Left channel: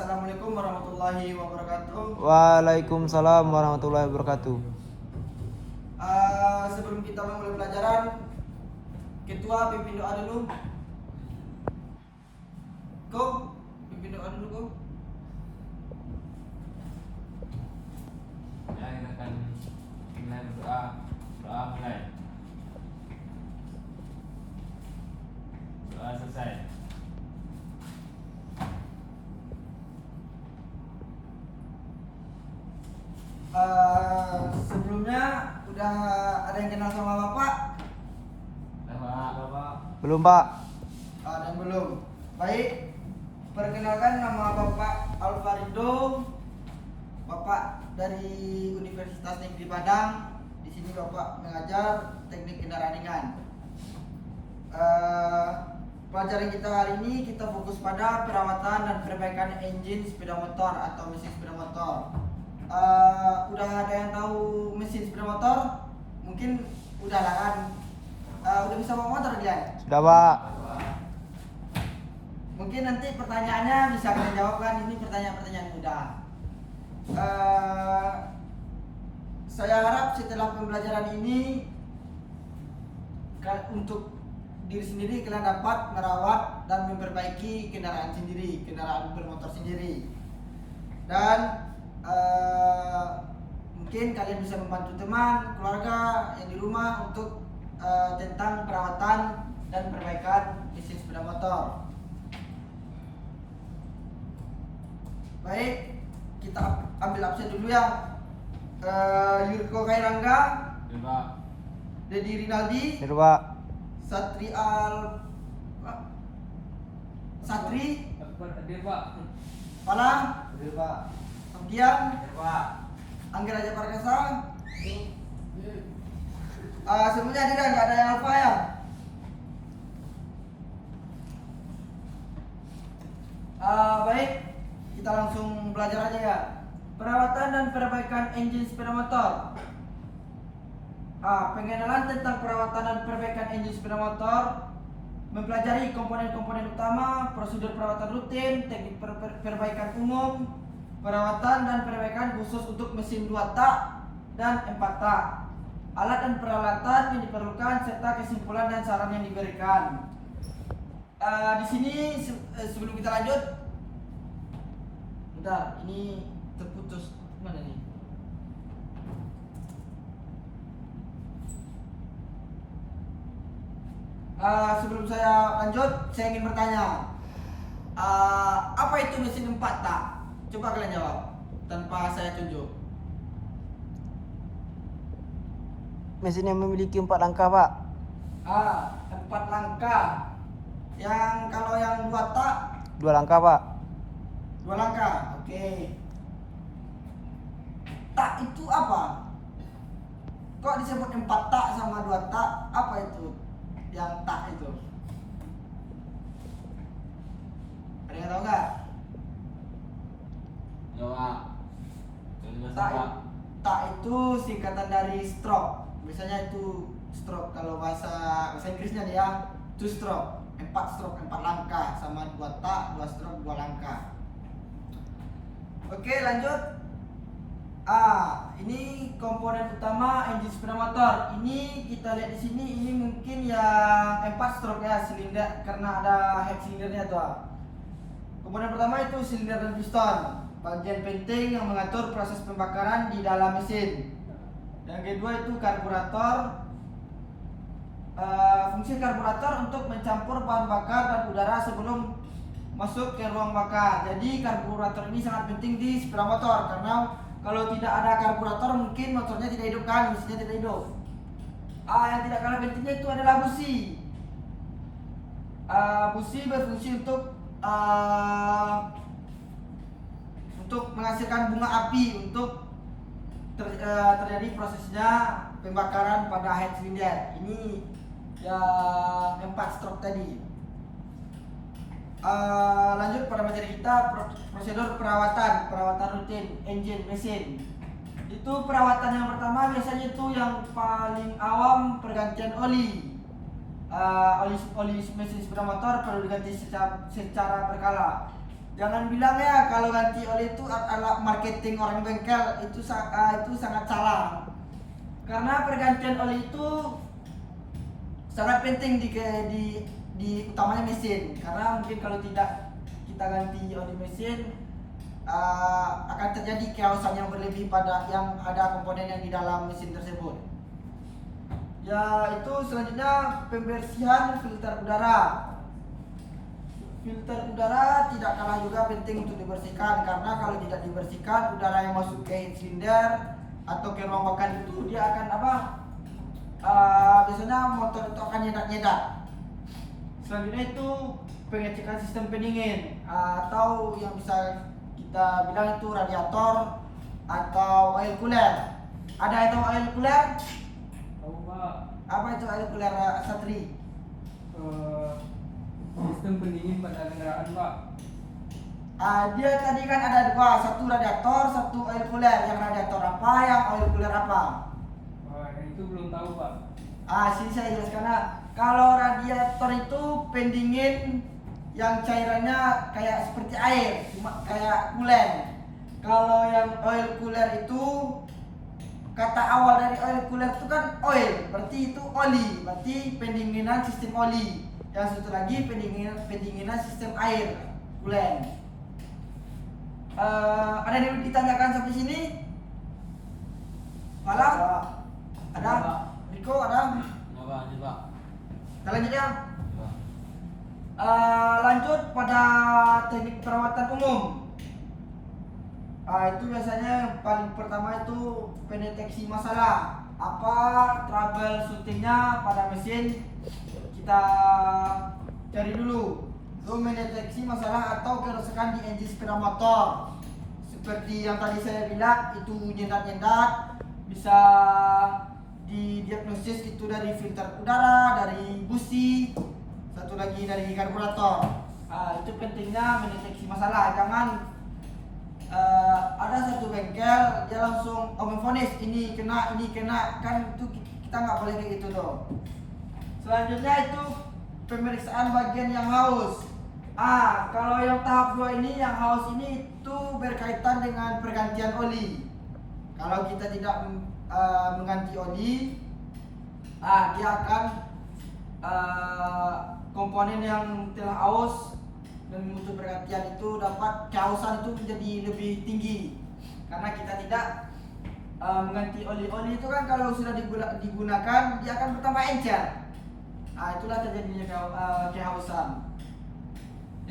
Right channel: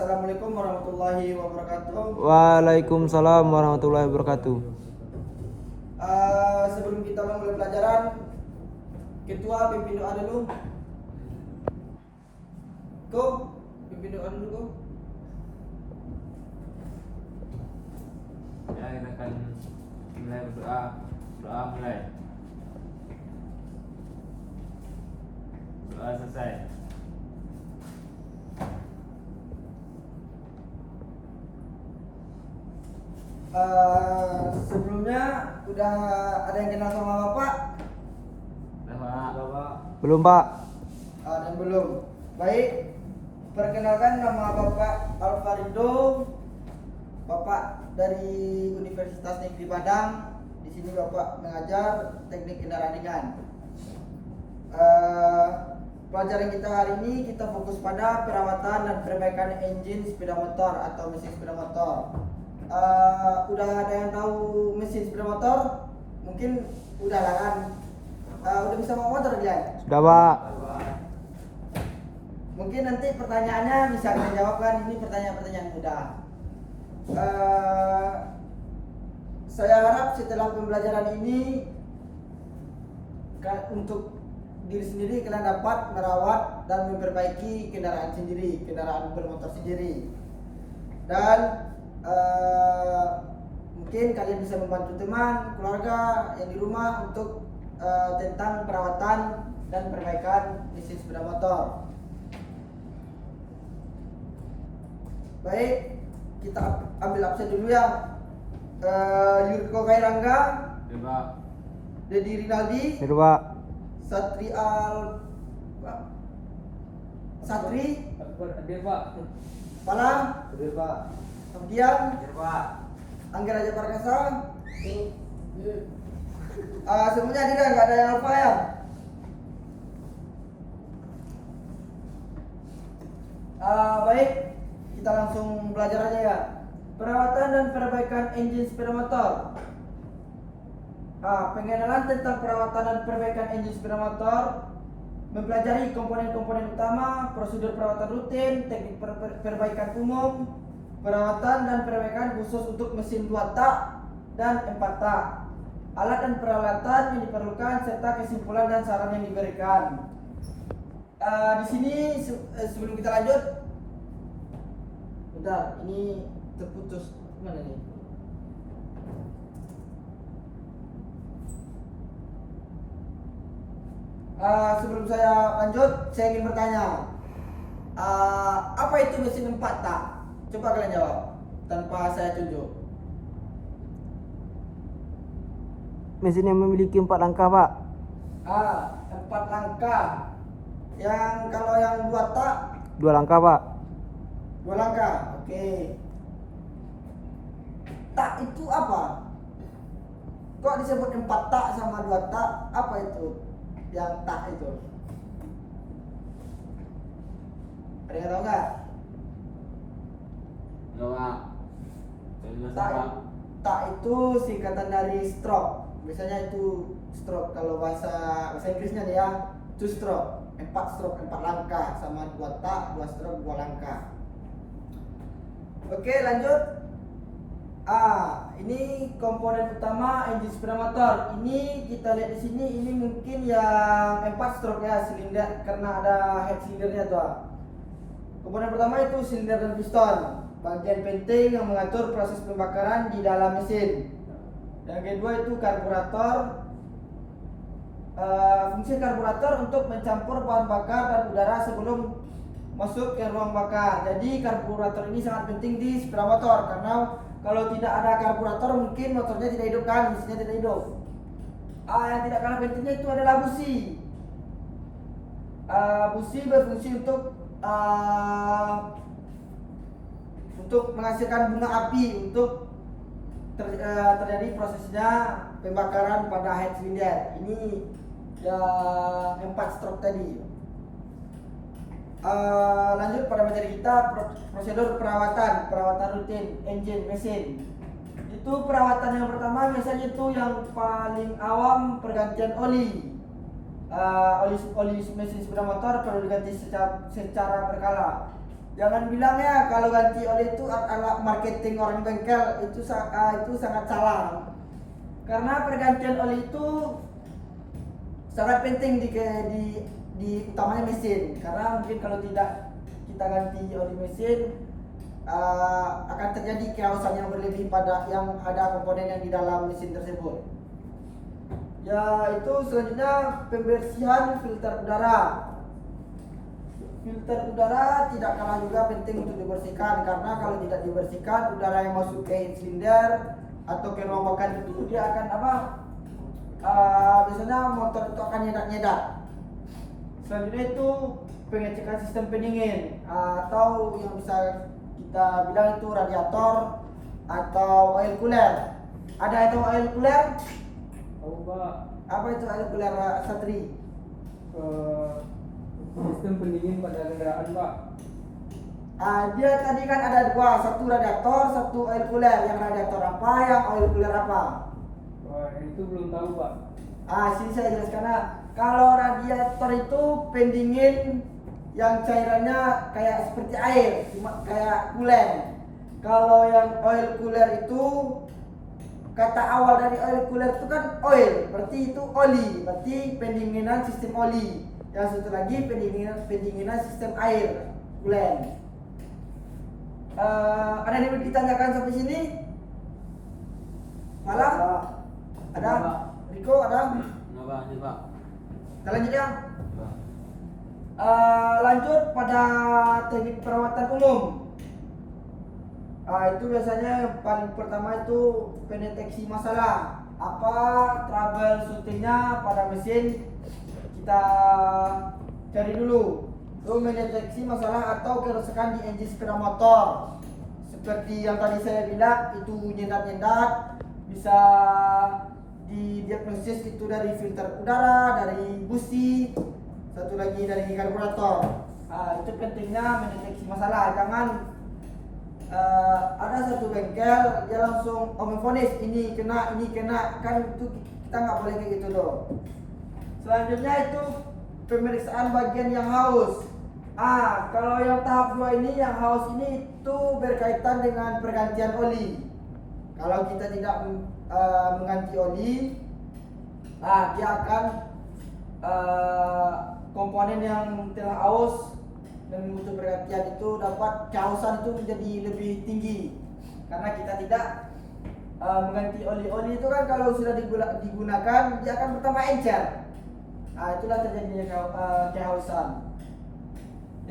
Assalamualaikum warahmatullahi wabarakatuh. Waalaikumsalam warahmatullahi wabarakatuh. Sebelum kita memulai pelajaran, Ketua pimpin doa dulu. Pimpin doa dulu, Ko. Ya, kita akan mulai berdoa. Doa mulai. Doa selesai. Sebelumnya udah ada yang kenal sama Bapak? Bapak. Belum, Pak. Ada yang belum. Baik, perkenalkan nama Bapak Alfarido. Bapak dari Universitas Negeri Padang. Di sini Bapak mengajar teknik kendaraan ringan. Pelajaran kita hari ini kita fokus pada perawatan dan perbaikan engine sepeda motor atau mesin sepeda motor. Udah ada yang tahu mesin sepeda motor? Mungkin udah lah kan. Udah bisa bawa motor dia? Sudah, Pak. Mungkin nanti pertanyaannya bisa kita jawab kan. Ini pertanyaan-pertanyaan mudah. Saya harap setelah pembelajaran ini untuk diri sendiri kalian dapat merawat dan memperbaiki kendaraan sendiri, kendaraan bermotor sendiri. Dan mungkin kalian bisa membantu teman, keluarga yang di rumah untuk tentang perawatan dan perbaikan mesin sepeda motor. Baik, kita ambil absen dulu ya. Yurko Kairangga, Bapak. Dedi Rinaldi, Sudah, Pak. Satri Hadir, Pak. Palang, Hadir, Pak. Abdian, Hadir, Pak. Angga Raja Parkasa. Semuanya hadir, nggak ada yang lupa ya. Baik, kita langsung belajar aja ya. Perawatan dan perbaikan engine sepeda motor. Pengenalan tentang perawatan dan perbaikan engine sepeda motor, mempelajari komponen-komponen utama, prosedur perawatan rutin, teknik perbaikan umum, perawatan dan perbaikan khusus untuk mesin 2 tak dan 4 tak, alat dan peralatan yang diperlukan serta kesimpulan dan saran yang diberikan. Di sini sebelum kita lanjut, bentar, ini terputus mana nih? Sebelum saya lanjut, saya ingin bertanya, apa itu mesin 4 tak? Coba kalian jawab tanpa saya tunjuk. Mesin yang memiliki 4 langkah, Pak. 4 langkah. Yang kalau yang 2 tak 2 langkah, Pak. 2 langkah. Oke. Tak itu apa? Kok disebut 4 tak sama 2 tak? Apa itu? Yang tak itu? Ada yang tahu nggak? Bapak. Tak, tak itu singkatan dari stroke. Biasanya itu stroke kalau bahasa Inggrisnya nih ya, 2 stroke, 4 stroke, 4 langkah, sama 2 tak, 2 stroke, 2 langkah. Oke, lanjut. Ini komponen utama engine sepeda motor. Ini kita lihat di sini, ini mungkin yang 4 stroke ya, silinder, karena ada head silindernya tuh. Komponen pertama itu silinder dan piston, bagian penting yang mengatur proses pembakaran di dalam mesin. Yang kedua itu karburator. Fungsi karburator untuk mencampur bahan bakar dan udara sebelum masuk ke ruang bakar. Jadi karburator ini sangat penting di sepeda motor, karena kalau tidak ada karburator mungkin motornya tidak hidup kan, mesinnya tidak hidup. Yang tidak kalah pentingnya itu adalah busi. Busi berfungsi untuk menghasilkan bunga api untuk terjadi prosesnya pembakaran pada head cylinder. Ini yang 4 stroke tadi. Lanjut pada materi kita, prosedur perawatan rutin engine mesin. Itu perawatan yang pertama biasanya itu yang paling awam, pergantian oli. Oli mesin sepeda motor perlu diganti secara berkala. Jangan bilang ya kalau ganti oli itu adalah marketing orang bengkel, itu sangat salah. Karena pergantian oli itu sangat penting di utamanya mesin. Karena mungkin kalau tidak kita ganti oli mesin akan terjadi kehausan yang berlebih pada yang ada komponen yang di dalam mesin tersebut. Ya, itu selanjutnya pembersihan filter udara. Filter udara tidak kalah juga penting untuk dibersihkan, karena kalau tidak dibersihkan, udara yang masuk ke head cylinder atau ke ruang bakar itu dia akan biasanya motor itu akan nyedak-nyedak. Selanjutnya itu pengecekan sistem pendingin atau yang bisa kita bilang itu radiator atau oil cooler. Ada itu oil cooler? Tahu Pak. Apa itu oil cooler, Satri? Sistem pendingin pada kendaraan Pak. Dia tadi kan ada dua, satu radiator, satu oil cooler. Yang radiator apa, yang oil cooler apa? Wah, itu belum tahu Pak. Sini saya jelaskan. Kalau radiator itu pendingin yang cairannya kayak seperti air, cuma kayak coolant. Kalau yang oil cooler itu, kata awal dari oil cooler itu kan oil, berarti itu oli, berarti pendinginan sistem oli. Yang satu lagi pendinginan sistem air, coolant. Ada yang ditanyakan sampai sini? Malah? Ada? Riko ada? Nah, Pak. Kita lanjut ya. Lanjut pada teknik perawatan umum. Itu biasanya yang paling pertama itu pendeteksi masalah. Apa troubleshootingnya pada mesin, kita cari dulu. Itu mendeteksi masalah atau kerusakan di engine sepeda motor. Seperti yang tadi saya bilang, itu nyendat-nyendat, bisa didiagnosis itu dari filter udara, dari busi, satu lagi dari karburator. Itu pentingnya mendeteksi masalah. Jangan ada satu bengkel dia langsung memvonis ini kena, kan itu kita nggak boleh kayak gitu dong. Selanjutnya itu pemeriksaan bagian yang haus. Kalau yang tahap 2 ini, yang haus ini itu berkaitan dengan pergantian oli. Kalau kita tidak mengganti oli, dia akan komponen yang telah haus dan butuh pergantian itu dapat kehausan itu menjadi lebih tinggi. Karena kita tidak mengganti oli itu kan kalau sudah digunakan dia akan bertambah encer. Itulah terjadinya kehausan.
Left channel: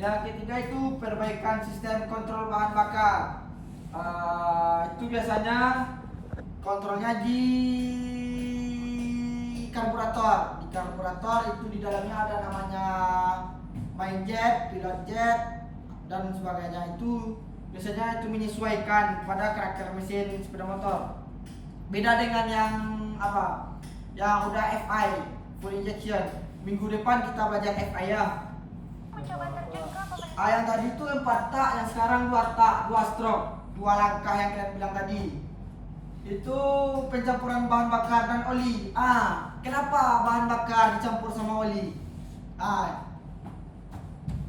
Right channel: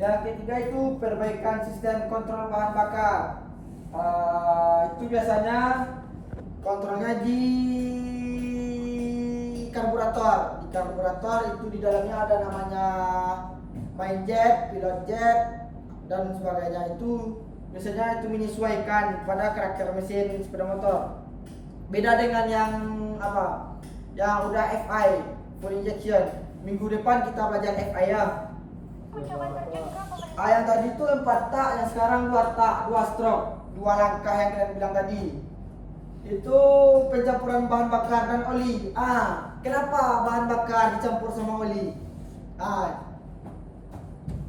Yang ketiga itu perbaikan sistem kontrol bahan bakar. Itu biasanya kontrolnya di karburator. Di karburator itu di dalamnya ada namanya main jet, pilot jet, dan sebagainya. Itu biasanya itu menyesuaikan pada karakter mesin sepeda motor. Beda dengan yang yang udah FI, full injection. Minggu depan kita belajar FI ya. Yang tadi itu 4 tak, yang sekarang 2 tak, 2 stroke, 2 langkah yang kalian bilang tadi. Itu pencampuran bahan bakar dan oli. Kenapa bahan bakar dicampur sama oli?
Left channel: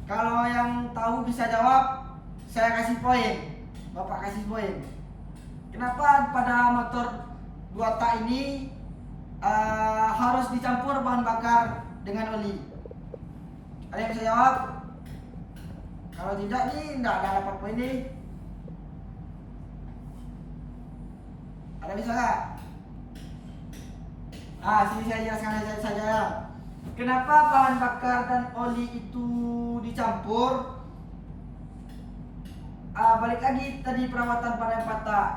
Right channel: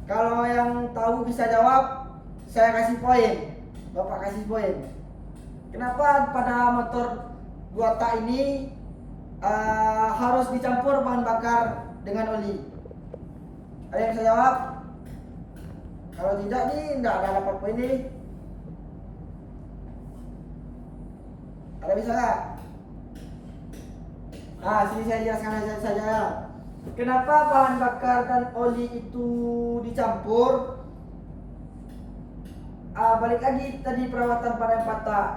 Kalau yang tahu bisa jawab, saya kasih poin. Bapak kasih poin. Kenapa pada motor 2 tak ini harus dicampur bahan bakar dengan oli? Ada yang bisa jawab? Kalau tidak nih, enggak dapat poin nih. Ada bisa nggak? Sini saya jelaskan saja. Kenapa bahan bakar dan oli itu dicampur? Balik lagi tadi perawatan pada 4 tak.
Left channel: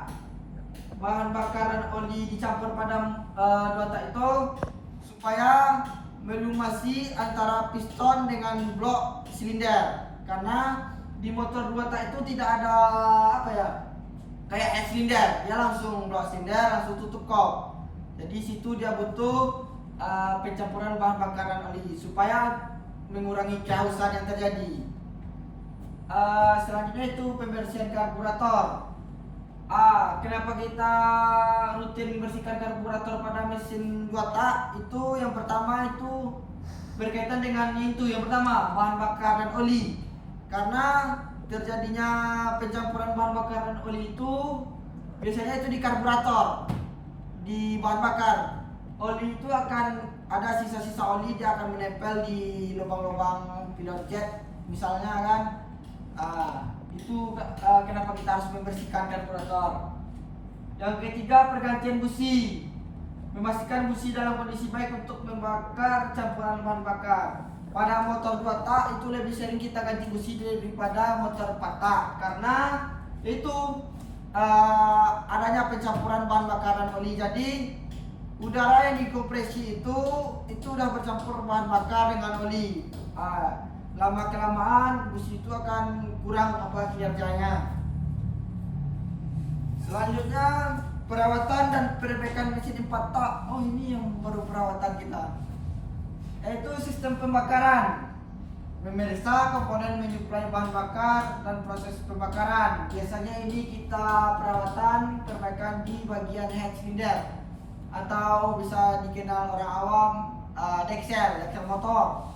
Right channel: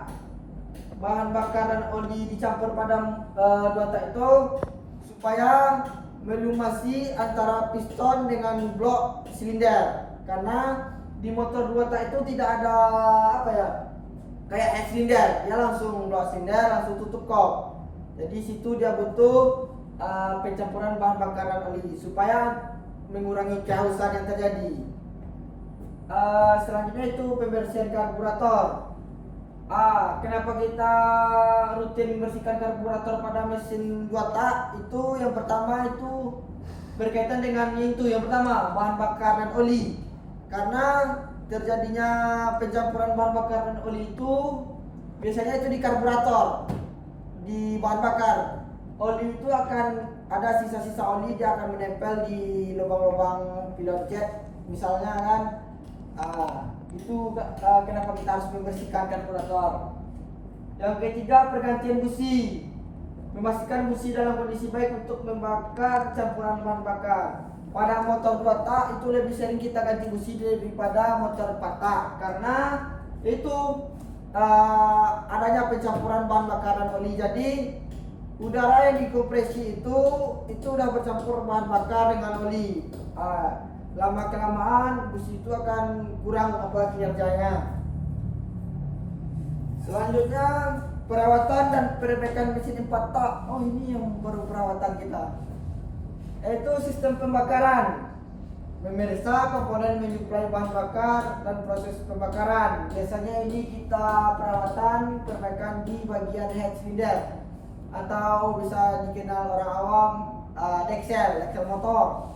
Bahan bakar dan oli dicampur pada 2 tak itu supaya melumasi antara piston dengan blok silinder. Karena di motor 2 tak itu tidak ada kayak head cylinder, dia langsung blok silinder, langsung tutup kop. Jadi situ dia butuh pencampuran bahan bakar dan oli supaya mengurangi kehausan yang terjadi. Selanjutnya itu pembersihan karburator. Kenapa kita rutin membersihkan karburator pada mesin 2 tak? Itu yang pertama itu berkaitan dengan itu. Yang pertama bahan bakar dan oli. Karena terjadinya pencampuran bahan bakar dan oli itu biasanya itu di karburator, di bahan bakar. Oli itu akan ada sisa-sisa oli, dia akan menempel di lubang-lubang pilot jet misalnya kan. Itu kenapa kita harus membersihkan karburator. Yang ketiga, pergantian busi. Memastikan busi dalam kondisi baik untuk membakar campuran bahan bakar. Pada motor 2 tak itu lebih sering kita ganti busi daripada motor 4 tak karena itu adanya pencampuran bahan bakaran oli. Jadi udara yang dikompresi itu udah bercampur bahan bakar dengan oli. Lama kelamaan busi itu akan kurang kinerjanya. Selanjutnya perawatan dan perbaikan mesin 4 tak. Oh, ini yang baru perawatan kita. Yaitu sistem pembakaran. Memeriksa komponen menyuplai bahan bakar dan proses pembakaran. Biasanya ini kita perawatan perbaikan di bagian head cylinder atau bisa dikenal orang awam deksel motor.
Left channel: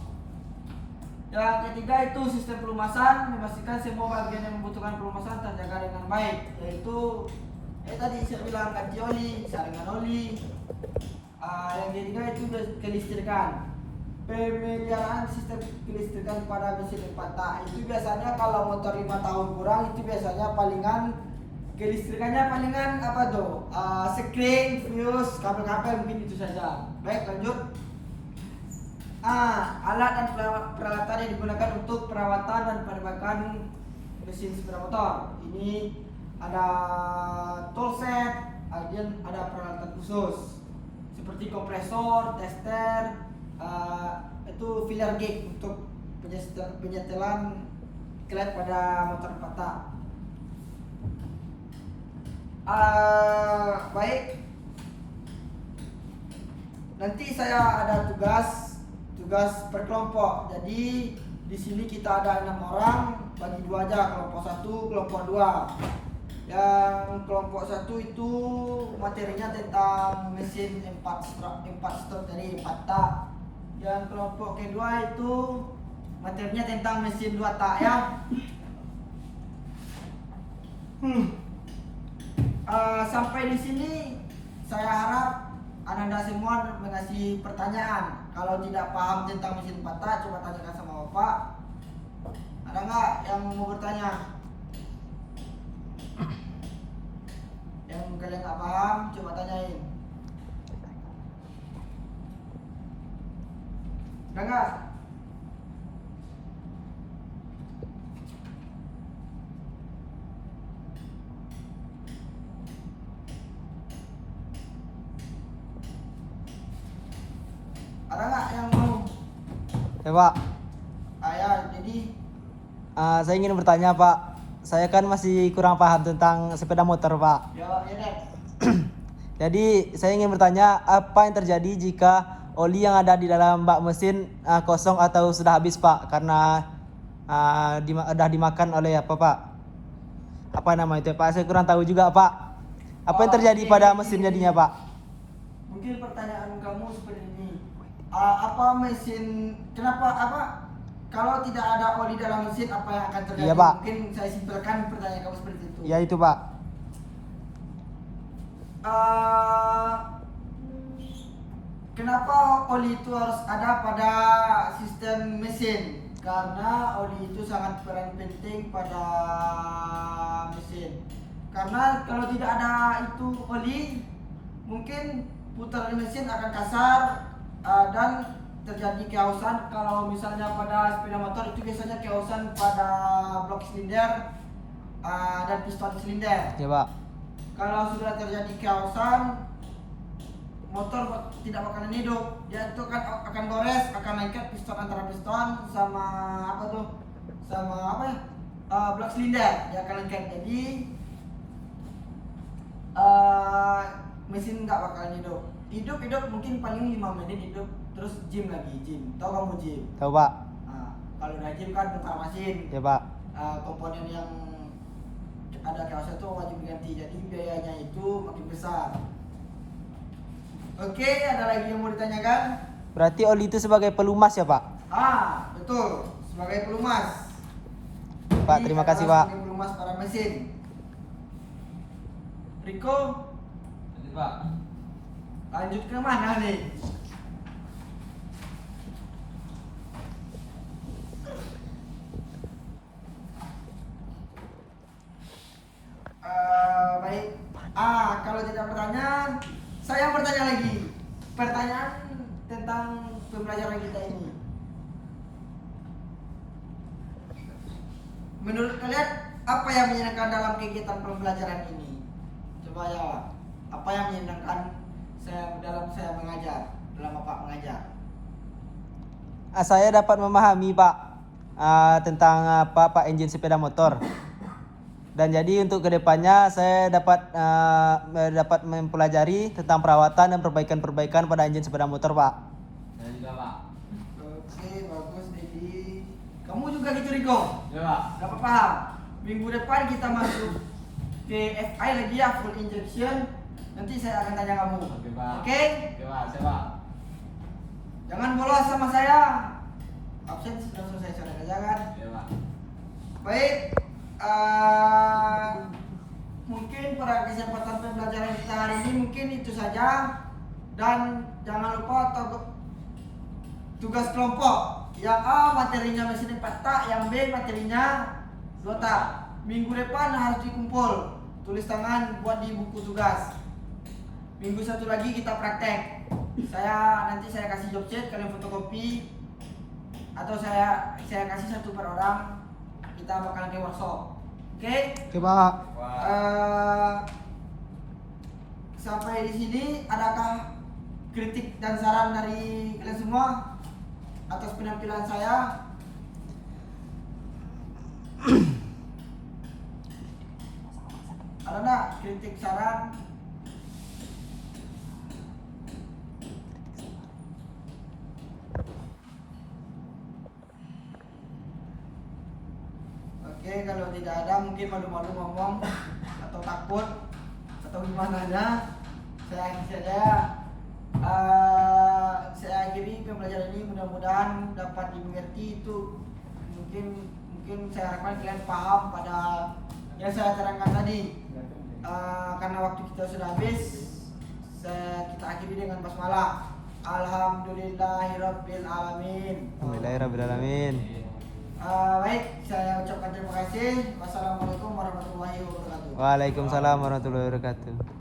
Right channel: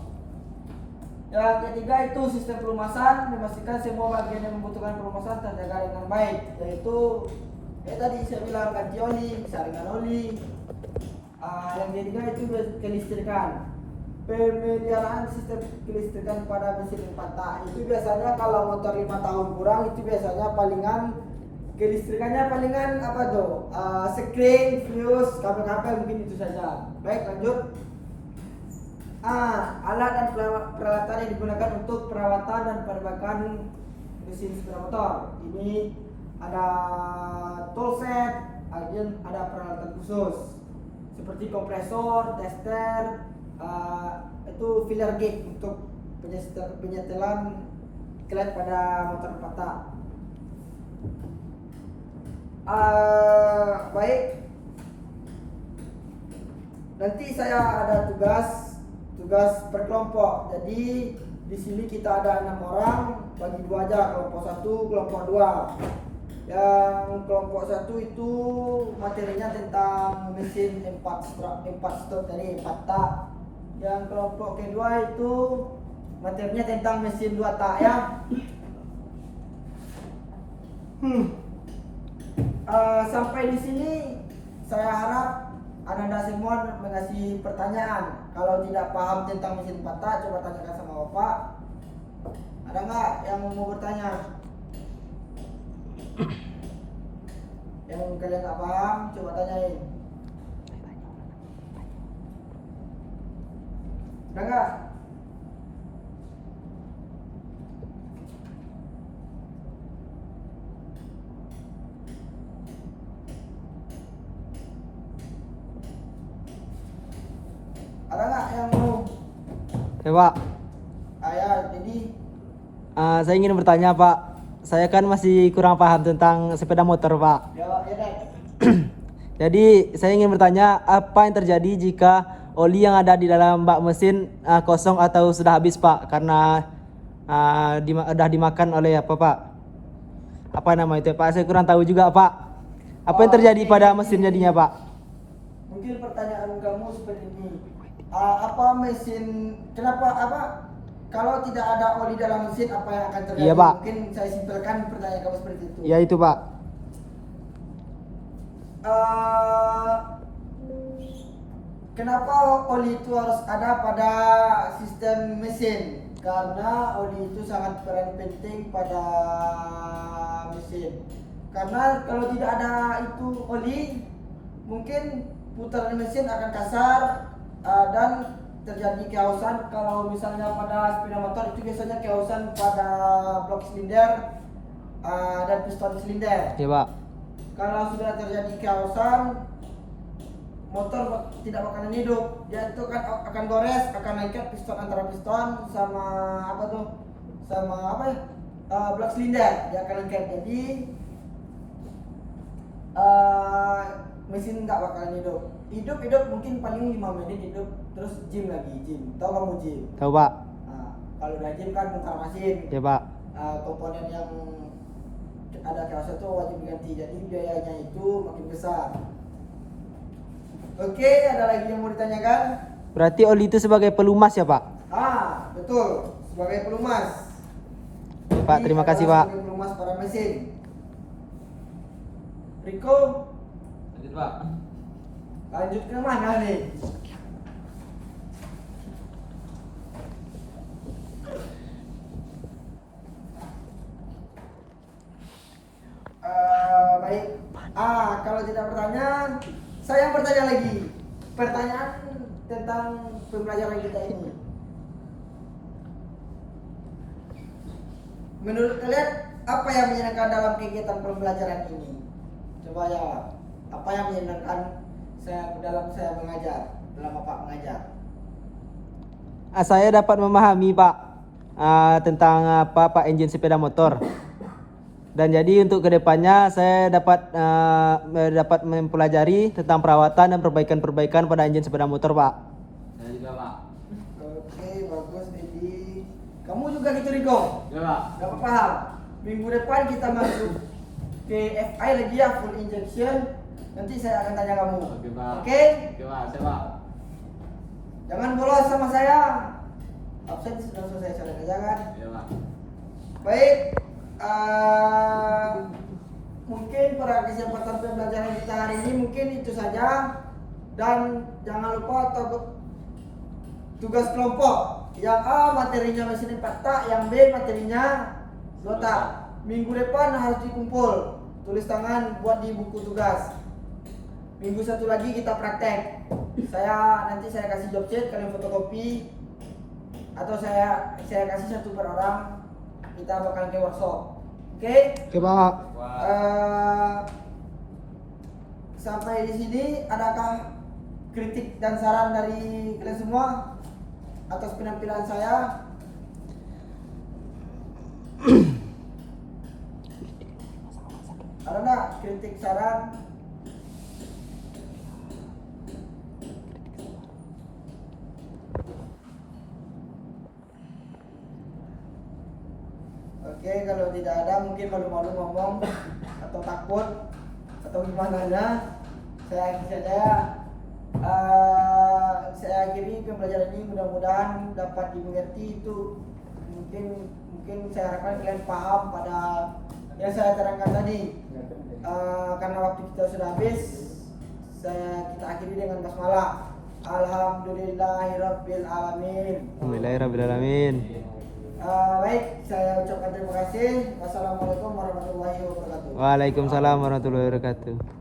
Yang ketiga itu sistem pelumasan, memastikan semua bagian yang membutuhkan pelumasan terjaga dengan baik, yaitu tadi saya bilang ganti oli, saringan oli. Yang ketiga itu kelistrikan. Pemeliharaan sistem kelistrikan pada mesin 4 tak itu biasanya kalau motor 5 tahun kurang itu biasanya palingan kelistrikannya palingan apa tuh? Sekring, fuse, kabel-kabel, mungkin itu saja. Baik, lanjut. Alat dan peralatan yang digunakan untuk perawatan dan perbaikan mesin sepeda motor. Ini ada toolset, kemudian ada peralatan khusus seperti kompresor, tester, itu filler gauge untuk penyetelan klep pada motor 4 tak. Baik, nanti saya ada tugas per kelompok. Jadi di sini kita ada 6 orang, bagi 2 aja, kelompok 1, kelompok 2. Yang kelompok 1 itu materinya tentang mesin 4 stroke tadi 4 tak. Yang kelompok kedua itu materinya tentang mesin 2 tak ya. Sampai di sini saya harap Anda semua mengasih pertanyaan. Kalau tidak paham tentang mesin 4 tak, coba tanyakan sama Bapak. Ada nggak yang mau bertanya? Yang kalian nggak paham, coba tanyain. Ada nggak? Ada nggak yang mau? Ya Pak, Jadi saya ingin bertanya Pak. Saya kan masih kurang paham tentang sepeda motor Pak. ya deh. Jadi saya ingin bertanya apa yang terjadi jika oli yang ada di dalam bak mesin kosong atau sudah habis Pak karena sudah dimakan oleh apa Pak? Apa nama itu Pak? Saya kurang tahu juga Pak. Apa yang terjadi pada mesin jadinya Pak? Mungkin pertanyaan kamu seperti ini. Kenapa kalau tidak ada oli dalam mesin apa yang akan terjadi? Iya, Pak. Mungkin saya simpelkan pertanyaan kamu seperti itu. Ya itu Pak. Kenapa oli itu harus ada pada sistem mesin? Karena oli itu sangat peran penting pada mesin. Karena kalau tidak ada itu oli, mungkin putaran mesin akan kasar dan terjadi kehausan. Kalau misalnya pada sepeda motor itu biasanya kehausan pada blok silinder dan piston silinder. Ya Pak. Kalau sudah terjadi kehausan, motor tidak bakalan hidup. Dia itu akan gores, akan lengket piston antara piston sama blok silinder, dia akan lengket. Jadi mesin nggak bakalan hidup mungkin paling 5 menit hidup, terus gym. Tahu kamu gym? Tahu Pak. Kalau udah gym kan bongkar mesin. Ya Pak. Komponen yang ada kehausan itu wajib diganti, jadi biayanya itu makin besar. Oke, ada lagi yang mau ditanyakan? Berarti oli itu sebagai pelumas ya Pak? Betul, sebagai pelumas. Pak, ini terima kasih, adalah Pak. kurikulum mas para mesin. Riko, Lanjut Pak. lanjut ke mana nih? Baik. Kalau tidak bertanya, saya yang bertanya lagi. Pertanyaan tentang pembelajaran kita ini. Menurut kalian, apa yang menyenangkan dalam kegiatan pembelajaran ini? Coba jawab. Apa yang menyenangkan saya mengajar, dalam Bapak mengajar? Saya dapat memahami Pak tentang apa Pak engine sepeda motor. Dan jadi untuk kedepannya saya dapat mempelajari tentang perawatan dan perbaikan-perbaikan pada engine sepeda motor Pak. Saya juga Pak. Oke, bagus Dedi. Kamu juga gitu Riko? Ya Pak. Dapat paham? Minggu depan kita masuk ke FI lagi ya, full injection. Nanti saya akan tanya kamu. Oke Pak. Oke? Oke Pak, saya Pak. Jangan bolos sama saya. Absen sudah selesai sudah jangan. Ya Pak. Baik. Mungkin pada kesempatan pembelajaran kita hari ini mungkin itu saja. Dan jangan lupa tugas kelompok. Yang A materinya mesin 4 tak, yang B materinya 2 tak. Minggu depan harus dikumpul, tulis tangan buat di buku tugas. Minggu satu lagi kita praktek. Nanti saya kasih job sheet, kalian fotokopi atau saya kasih satu per orang. Kita bakal ke workshop. Oke? Oke Pak. Sampai di sini adakah kritik dan saran dari kalian semua atas penampilan saya? Ada enggak kritik saran? Oke, kalau tidak ada mungkin malu-malu ngomong atau takut atau gimana ya. Saya akhiri saja. Saya akhiri pembelajaran ini, mudah-mudahan dapat dimengerti. Itu mungkin saya harapkan kalian paham pada yang saya terangkan tadi. Karena waktu kita sudah habis, kita akhiri dengan basmalah. Alhamdulillahirabbil alamin. Alhamdulillahirrahmanirrahim. Baik, saya ucapkan terima kasih. Wassalamualaikum warahmatullahi wabarakatuh. Waalaikumsalam warahmatullahi wabarakatuh.